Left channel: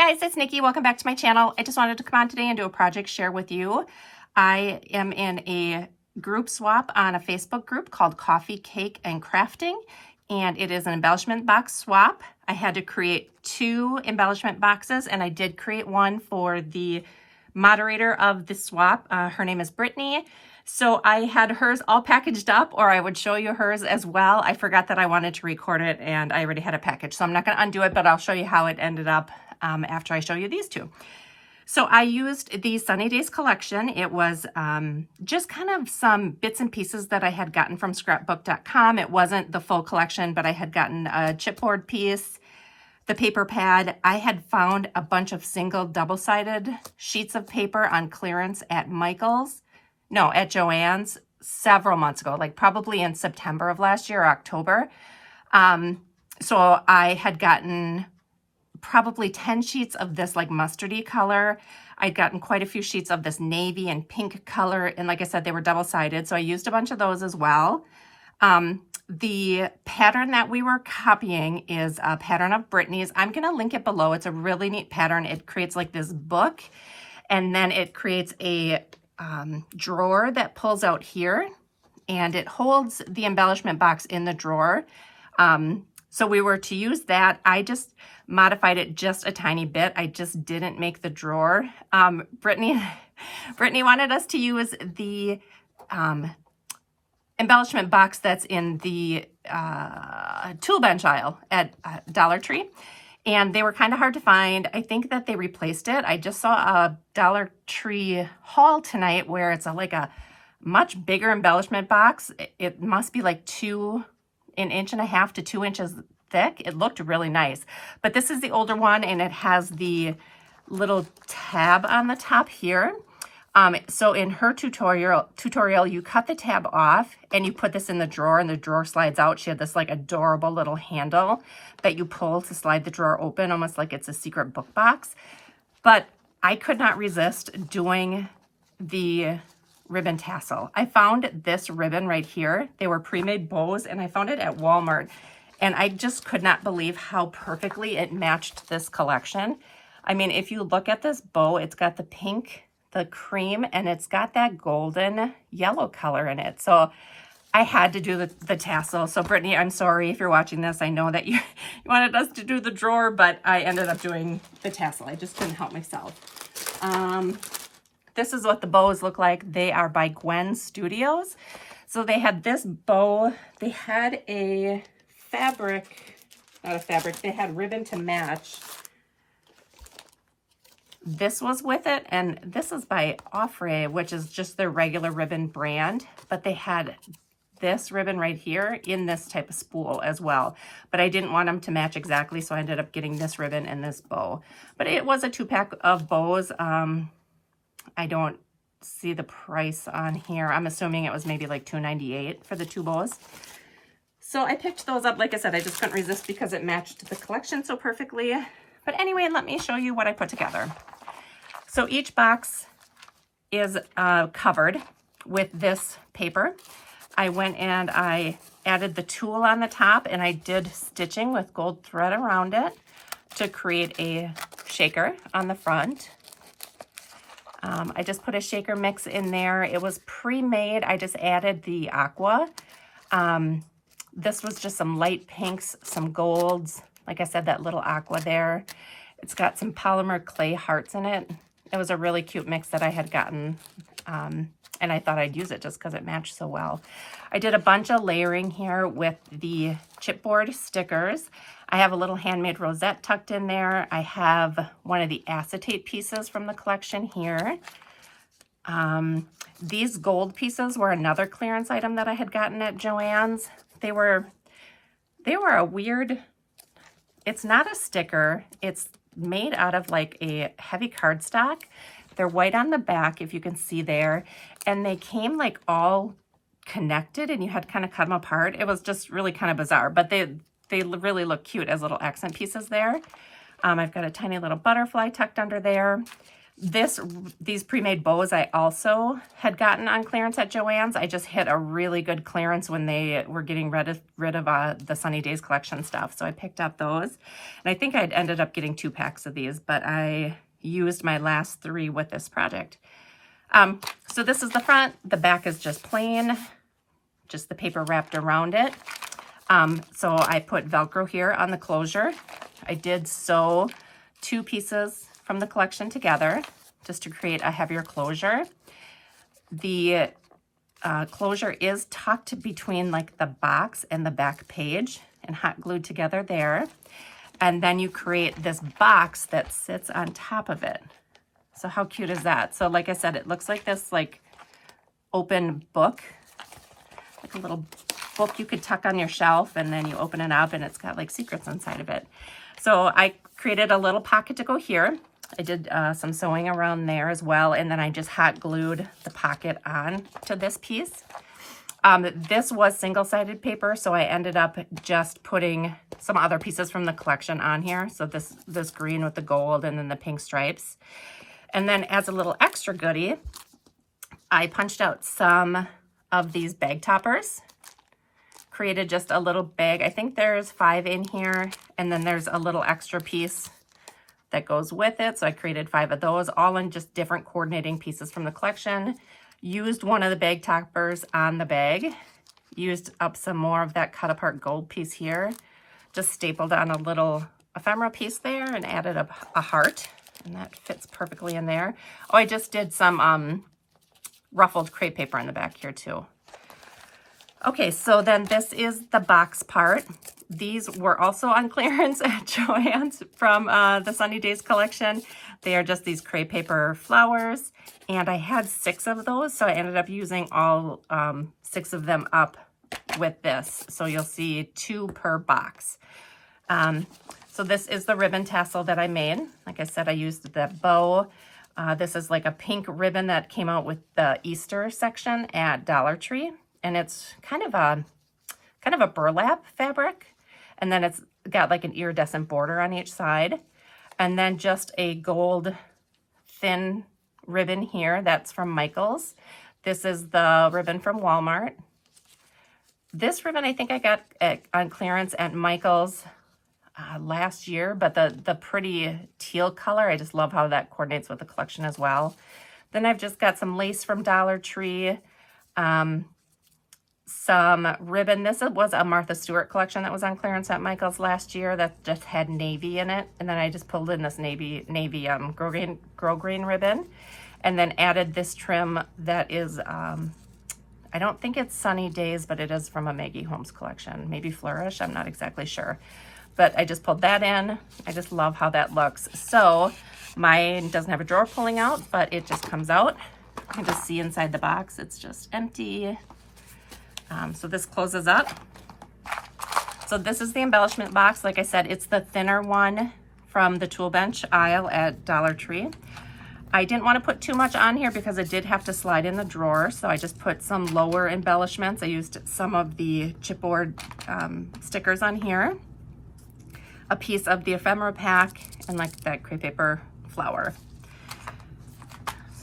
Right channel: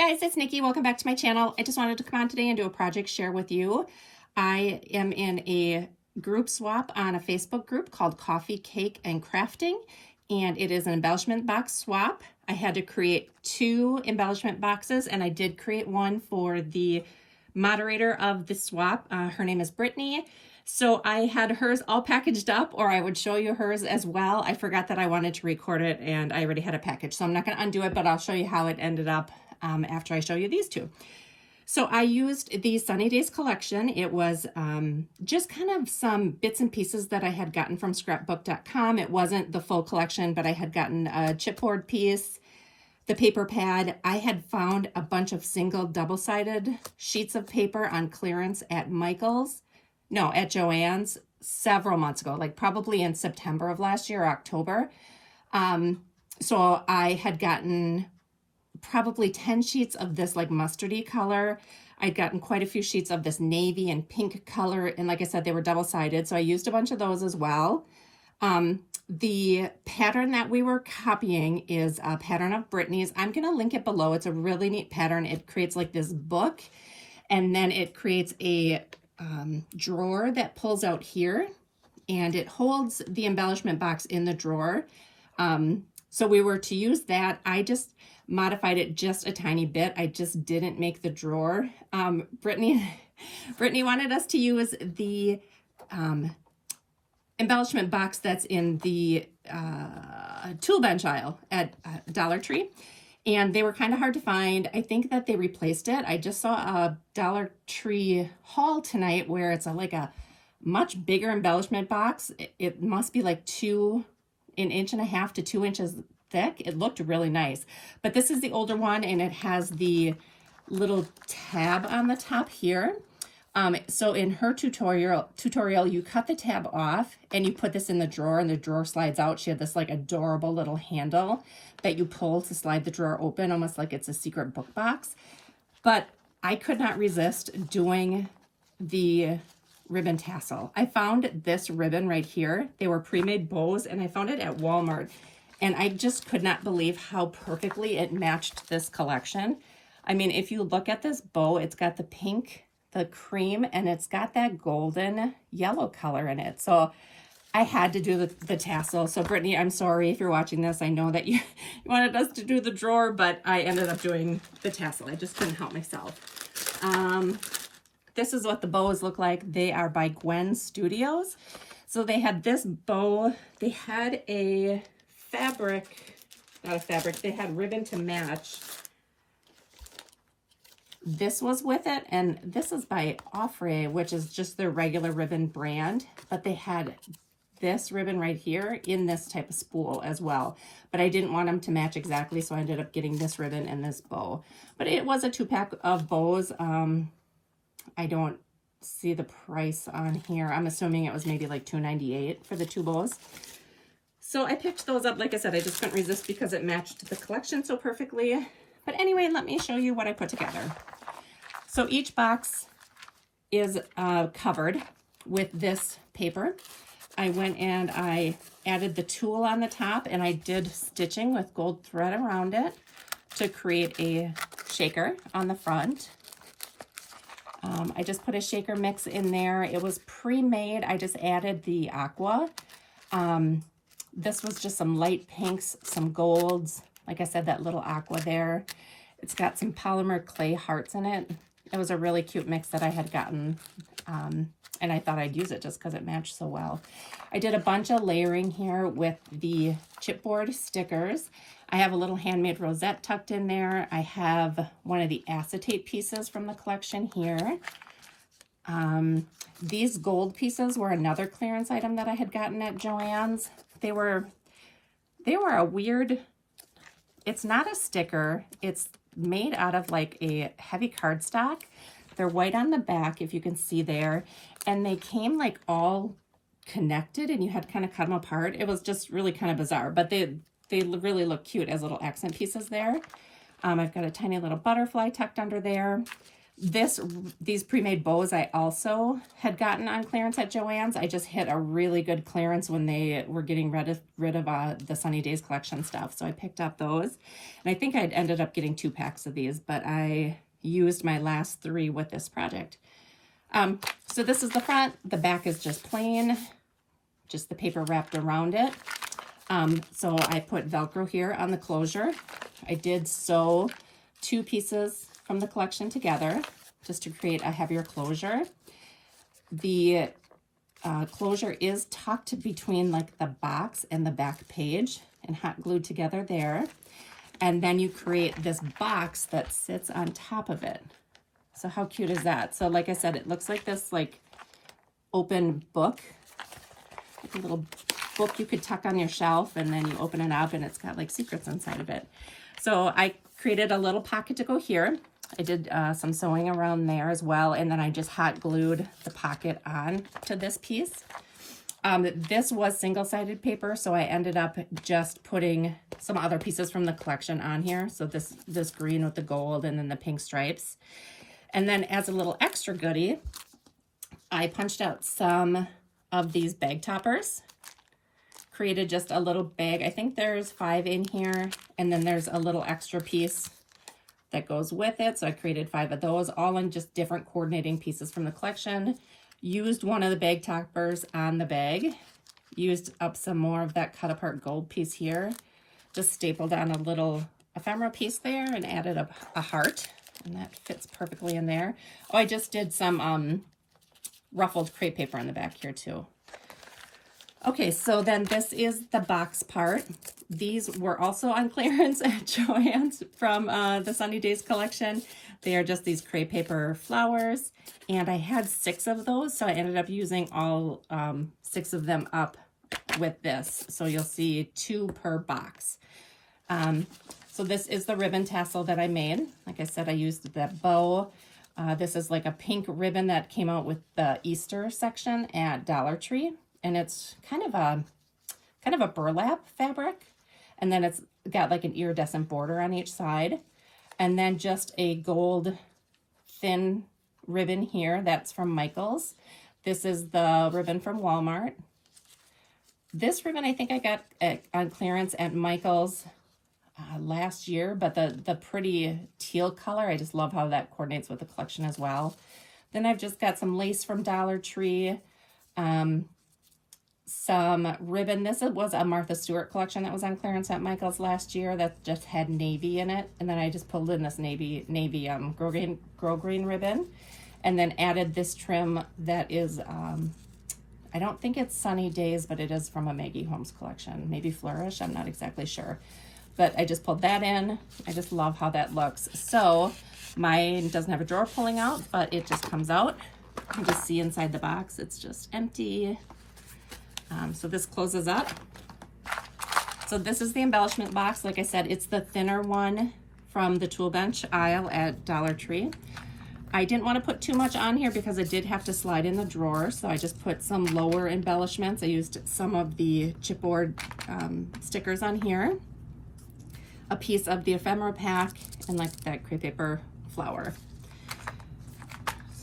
guys, it's Nikki. Welcome back to my channel. I just wanted to come on today and do a project share with you. I am in a group swap on a Facebook group called Coffee, Cake, and Crafting, and it is an embellishment box swap. I had to create 2 embellishment boxes, and I did create one for the moderator of the swap. Her name is Brittany. So I had hers all packaged up, or I would show you hers as well. I forgot that I wanted to record it and I already had a package. So I'm not going to undo it, but I'll show you how it ended up after I show you these 2. So I used the Sunny Days collection. It was just kind of some bits and pieces that I had gotten from scrapbook.com. It wasn't the full collection, but I had gotten a chipboard piece, the paper pad. I had found a bunch of single double-sided sheets of paper on clearance at at Joann's several months ago, like probably in September of last year or October. So I had gotten probably 10 sheets of this like mustardy color. I'd gotten quite a few sheets of this navy and pink color. And like I said, they were double-sided. So I used a bunch of those as well. The pattern that we were copying is a pattern of Brittany's. I'm going to link it below. It's a really neat pattern. It creates like this book, and then it creates a drawer that pulls out here, and it holds the embellishment box in the drawer. So we were to use that. I just modified it just a tiny bit. I just didn't make the drawer. Brittany wanted us to use the embellishment box that's in the tool bench aisle at Dollar Tree. And they were kind of hard to find. I think that they replaced it. I just saw a Dollar Tree haul tonight where it's like a much bigger embellishment box. It must be like 1.5 inches to 2 inches thick. It looked really nice. But this is the older one, and it has the little tab on the top here. So in her tutorial, you cut the tab off and you put this in the drawer, and the drawer slides out. She had this like adorable little handle that you pull to slide the drawer open, almost like it's a secret book box. But I could not resist doing the ribbon tassel. I found this ribbon right here. They were pre-made bows, and I found it at Walmart. And I just could not believe how perfectly it matched this collection. I mean, if you look at this bow, it's got the pink, the cream, and it's got that golden yellow color in it. So I had to do the tassel. So Brittany, I'm sorry if you're watching this. I know that you wanted us to do the drawer, but I ended up doing the tassel. I just couldn't help myself. This is what the bows look like. They are by Gwen Studios. So they had this bow. They had a they had ribbon to match. This was with it, and this is by Offray, which is just their regular ribbon brand, but they had this ribbon right here in this type of spool as well. But I didn't want them to match exactly, so I ended up getting this ribbon and this bow. But it was a 2-pack of bows. I don't see the price on here. I'm assuming it was maybe like $2.98 for the 2 bows. So I picked those up. Like I said, I just couldn't resist because it matched the collection so perfectly. But anyway, let me show you what I put together. So each box is covered with this paper. I went and I added the tulle on the top, and I did stitching with gold thread around it to create a shaker on the front. I just put a shaker mix in there. It was pre-made. I just added the aqua. This was just some light pinks, some golds. Like I said, that little aqua there. It's got some polymer clay hearts in it. It was a really cute mix that I had gotten, and I thought I'd use it just because it matched so well. I did a bunch of layering here with the chipboard stickers. I have a little handmade rosette tucked in there. I have one of the acetate pieces from the collection here. These gold pieces were another clearance item that I had gotten at Joann's. They were a weird, it's not a sticker. It's made out of like a heavy cardstock. They're white on the back, if you can see there. And they came like all connected, and you had to kind of cut them apart. It was just really kind of bizarre, but they really look cute as little accent pieces there. I've got a tiny little butterfly tucked under there. These pre-made bows I also had gotten on clearance at Joann's. I just hit a really good clearance when they were getting rid of the Sunny Days collection stuff. So I picked up those. And I think I'd ended up getting 2 packs of these, but I used my last 3 with this project. So this is the front. The back is just plain, just the paper wrapped around it. So I put Velcro here on the closure. I did sew 2 pieces from the collection together just to create a heavier closure. The closure is tucked between like the box and the back page and hot glued together there. And then you create this box that sits on top of it. So how cute is that? So like I said, it looks like this like open book, like a little book you could tuck on your shelf, and then you open it up and it's got like secrets inside of it. So I created a little pocket to go here. I did some sewing around there as well, and then I just hot glued the pocket on to this piece. This was single-sided paper, so I ended up just putting some other pieces from the collection on here. So this green with the gold and then the pink stripes. And then as a little extra goodie, I punched out some of these bag toppers. Created just a little bag. I think there's 5 in here, and then there's a little extra piece that goes with it. So I created 5 of those, all in just different coordinating pieces from the collection. Used one of the bag toppers on the bag. Used up some more of that cut apart gold piece here. Just stapled on a little ephemera piece there and added a heart. And that fits perfectly in there. Oh, I just did some ruffled crepe paper in the back here too. Okay, so then this is the box part. These were also on clearance at Joann's from the Sunny Days collection. They are just these crepe paper flowers, and I had 6 of those, so I ended up using all 6 of them up with this. So you'll see 2 per box. So this is the ribbon tassel that I made. Like I said, I used the bow. This is like a pink ribbon that came out with the Easter section at Dollar Tree. And it's kind of a burlap fabric. And then it's got like an iridescent border on each side. And then just a gold thin ribbon here. That's from Michaels. This is the ribbon from Walmart. This ribbon I think I got on clearance at Michaels last year, but the pretty teal color, I just love how that coordinates with the collection as well. Then I've just got some lace from Dollar Tree. Some ribbon. This was a Martha Stewart collection that was on clearance at Michael's last year that just had navy in it. And then I just pulled in this navy girl green ribbon, and then added this trim that is, I don't think it's Sunny Days, but it is from a Maggie Holmes collection. Maybe Flourish, I'm not exactly sure. But I just pulled that in. I just love how that looks. So mine doesn't have a drawer pulling out, but it just comes out. You can just see inside the box, it's just empty. So this closes up. So this is the embellishment box. Like I said, it's the thinner one from the tool bench aisle at Dollar Tree. I didn't want to put too much on here because it did have to slide in the drawer. So I just put some lower embellishments. I used some of the chipboard stickers on here, a piece of the ephemera pack, and like that crepe paper flower.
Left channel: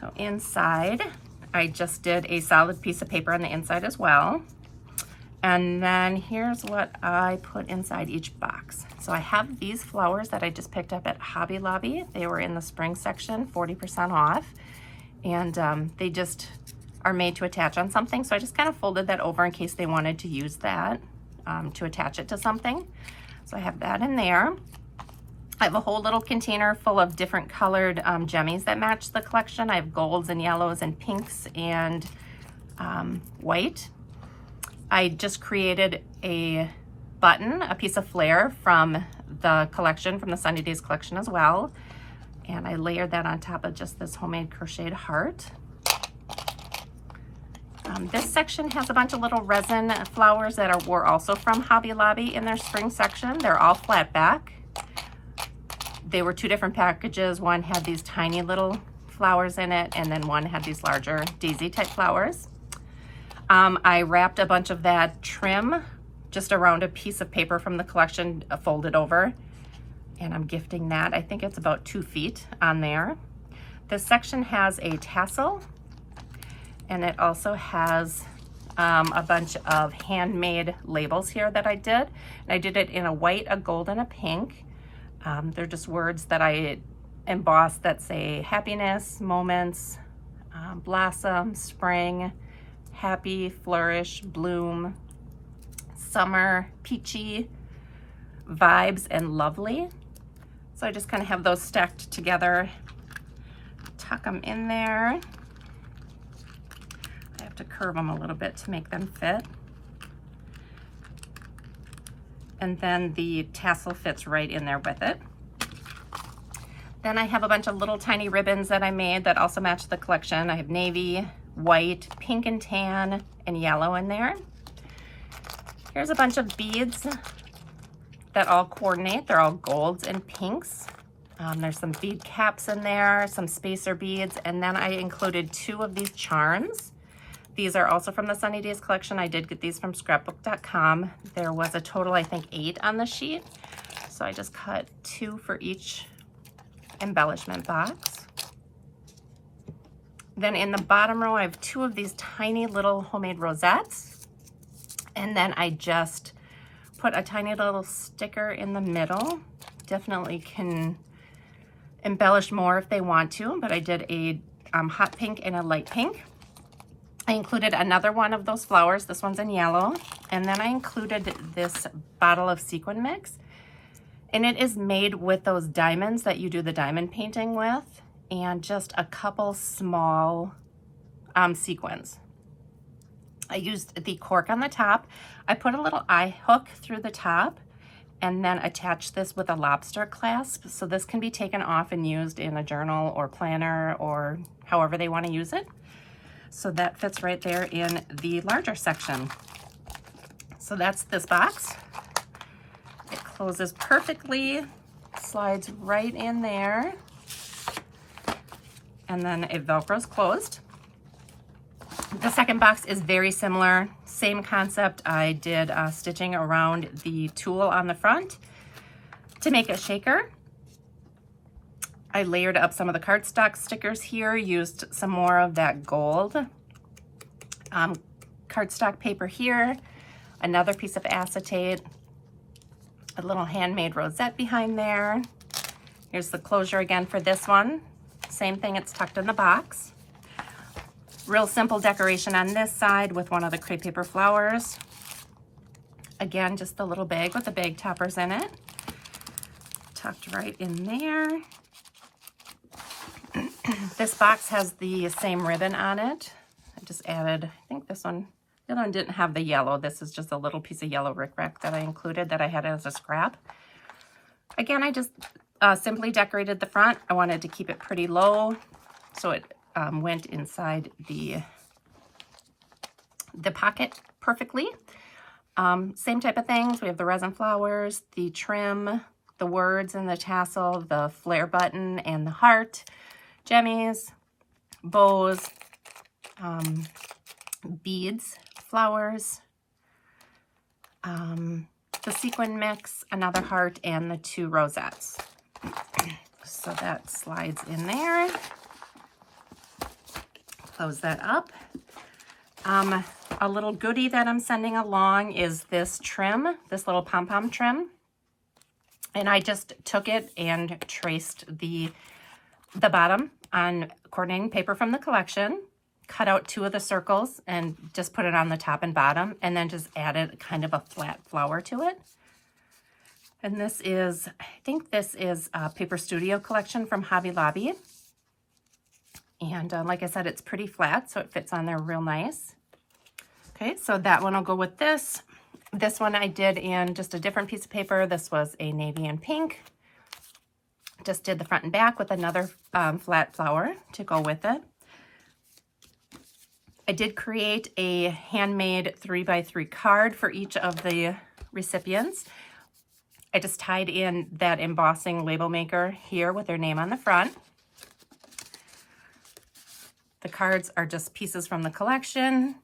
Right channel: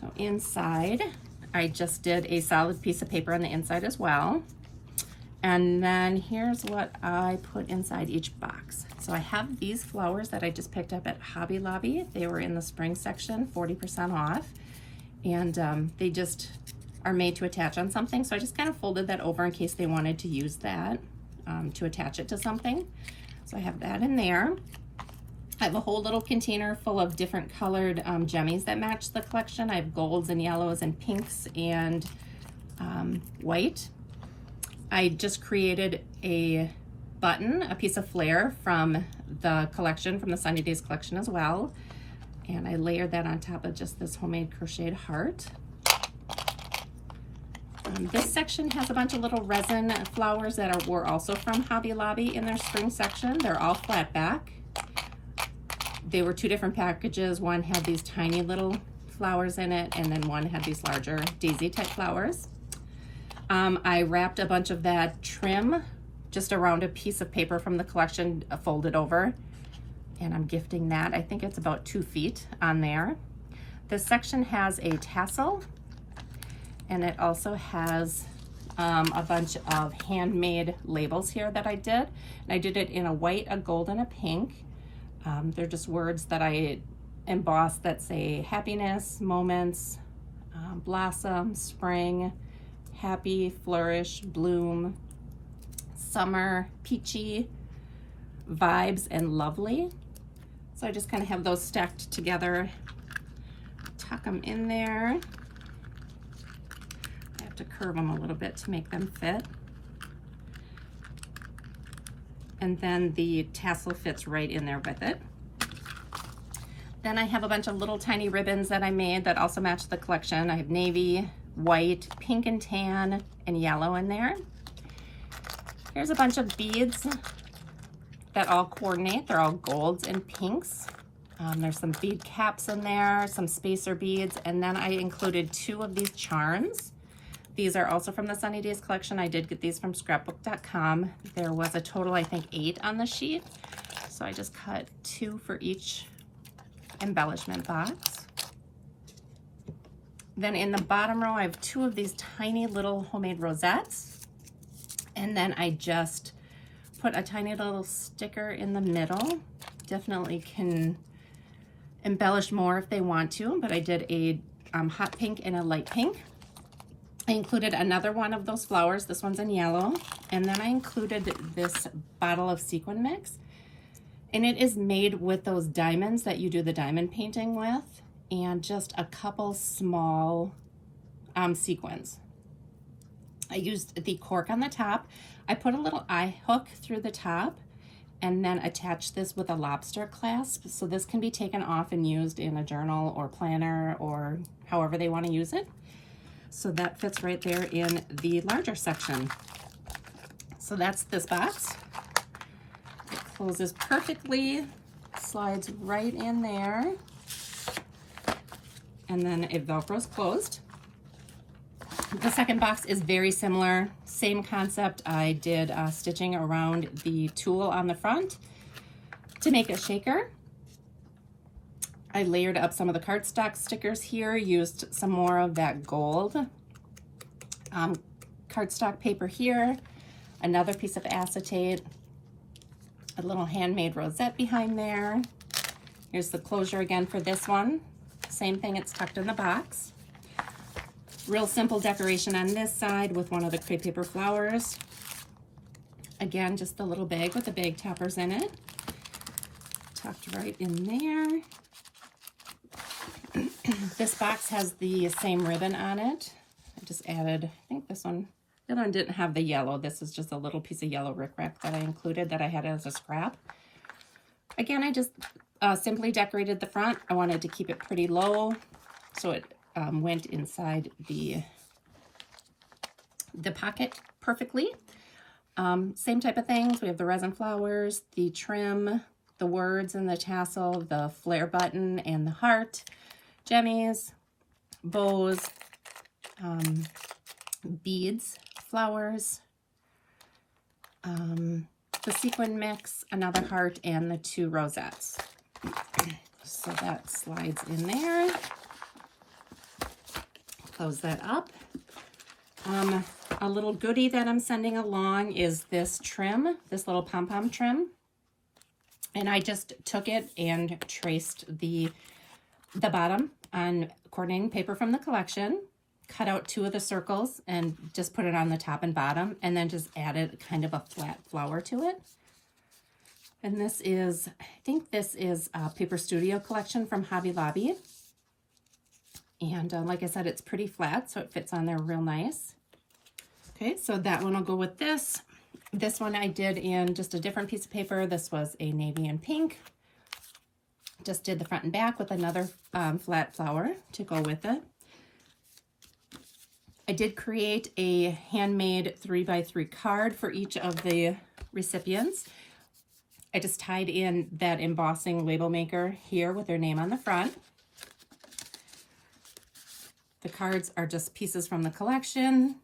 So inside, I just did a solid piece of paper on the inside as well. And then here's what I put inside each box. So I have these flowers that I just picked up at Hobby Lobby. They were in the spring section, 40% off. And they just are made to attach on something. So I just kind of folded that over in case they wanted to use that to attach it to something. So I have that in there. I have a whole little container full of different colored jemmies that match the collection. I have golds and yellows and pinks and white. I just created a button, a piece of flare from the collection, from the Sunny Days collection as well. And I layered that on top of just this homemade crocheted heart. This section has a bunch of little resin flowers that were also from Hobby Lobby in their spring section. They're all flat back. They were 2 different packages. One had these tiny little flowers in it, and then one had these larger daisy type flowers. I wrapped a bunch of that trim just around a piece of paper from the collection, folded over, and I'm gifting that. I think it's about 2 feet on there. This section has a tassel, and it also has a bunch of handmade labels here that I did. And I did it in a white, a gold, and a pink. They're just words that I embossed that say happiness, moments, blossom, spring, happy, flourish, bloom, summer, peachy, vibes, and lovely. So I just kind of have those stacked together, tuck them in there. I have to curve them a little bit to make them fit. And then the tassel fits right in there with it. Then I have a bunch of little tiny ribbons that I made that also match the collection. I have navy, white, pink and tan, and yellow in there. Here's a bunch of beads that all coordinate. They're all golds and pinks. There's some bead caps in there, some spacer beads, and then I included 2 of these charms. These are also from the Sunny Days collection. I did get these from scrapbook.com. There was a total, I think, 8 on the sheet. So I just cut 2 for each embellishment box. Then in the bottom row, I have 2 of these tiny little homemade rosettes. And then I just put a tiny little sticker in the middle. Definitely can embellish more if they want to, but I did a hot pink and a light pink. I included another one of those flowers. This one's in yellow. And then I included this bottle of sequin mix. And it is made with those diamonds that you do the diamond painting with, and just a couple small sequins. I used the cork on the top. I put a little eye hook through the top and then attached this with a lobster clasp. So this can be taken off and used in a journal or planner or however they want to use it. So that fits right there in the larger section. So that's this box. It closes perfectly, slides right in there, and then it Velcros closed. The second box is very similar, same concept. I did stitching around the tulle on the front to make a shaker. I layered up some of the cardstock stickers here, used some more of that gold cardstock paper here, another piece of acetate, a little handmade rosette behind there. Here's the closure again for this one. Same thing, it's tucked in the box. Real simple decoration on this side with one of the crepe paper flowers. Again, just the little bag with the bag toppers in it. Tucked right in there. This box has the same ribbon on it. I just added, I think this one, the other one didn't have the yellow. This is just a little piece of yellow rickrack that I included that I had as a scrap. Again, I just simply decorated the front. I wanted to keep it pretty low, so it went inside the pocket perfectly. Same type of things. We have the resin flowers, the trim, the words and the tassel, the flare button and the heart, jemmies, bows, beads, flowers, the sequin mix, another heart, and the 2 rosettes. So that slides in there. Close that up. A little goodie that I'm sending along is this trim, this little pom-pom trim. And I just took it and traced the bottom on coordinating paper from the collection, cut out 2 of the circles and just put it on the top and bottom, and then just added kind of a flat flower to it. And this is, I think this is a Paper Studio collection from Hobby Lobby. And like I said, it's pretty flat, so it fits on there real nice. Okay, so that one will go with this. This one I did in just a different piece of paper. This was a navy and pink. Just did the front and back with another flat flower to go with it. I did create a handmade 3x3 card for each of the recipients. I just tied in that embossing label maker here with their name on the front. The cards are just pieces from the collection,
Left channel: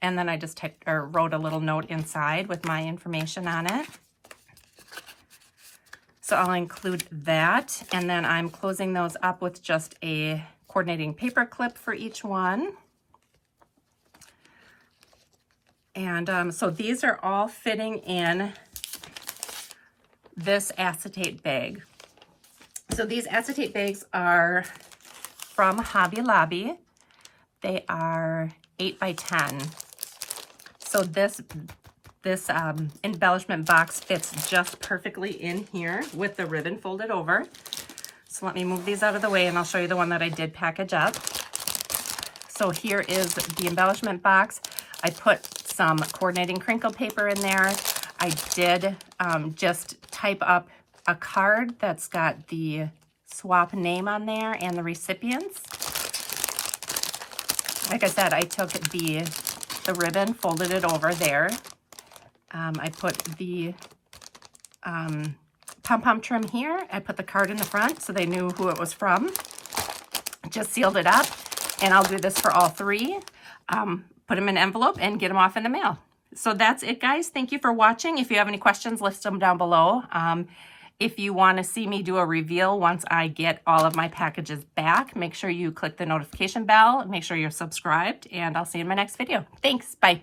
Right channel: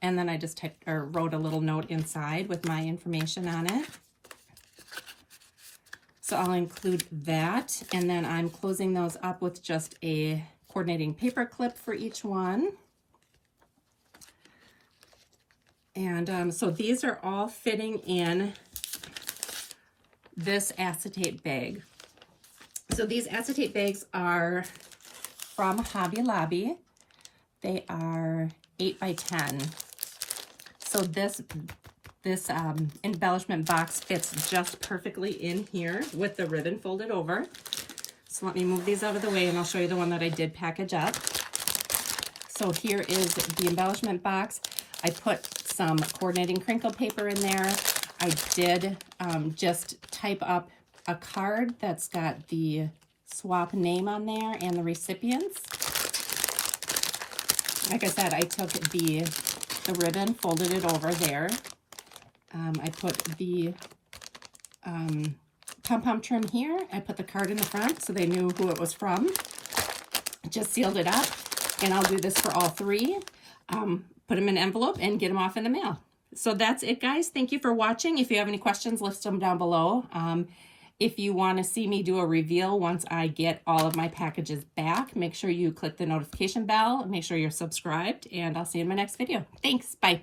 and then I just wrote a little note inside with my information on it. So I'll include that, and then I'm closing those up with just a coordinating paper clip for each one. And so these are all fitting in this acetate bag. So these acetate bags are from Hobby Lobby. They are 8 by 10. So this embellishment box fits just perfectly in here with the ribbon folded over. So let me move these out of the way and I'll show you the one that I did package up. So here is the embellishment box. I put some coordinating crinkle paper in there. I did just type up a card that's got the swap name on there and the recipients. Like I said, I took the ribbon, folded it over there. I put the pom-pom trim here. I put the card in the front so they knew who it was from. Just sealed it up, and I'll do this for all three. Put them in an envelope and get them off in the mail. So that's it, guys. Thank you for watching. If you have any questions, list them down below. If you want to see me do a reveal once I get all of my packages back, make sure you click the notification bell. Make sure you're subscribed, and I'll see you in my next video. Thanks. Bye.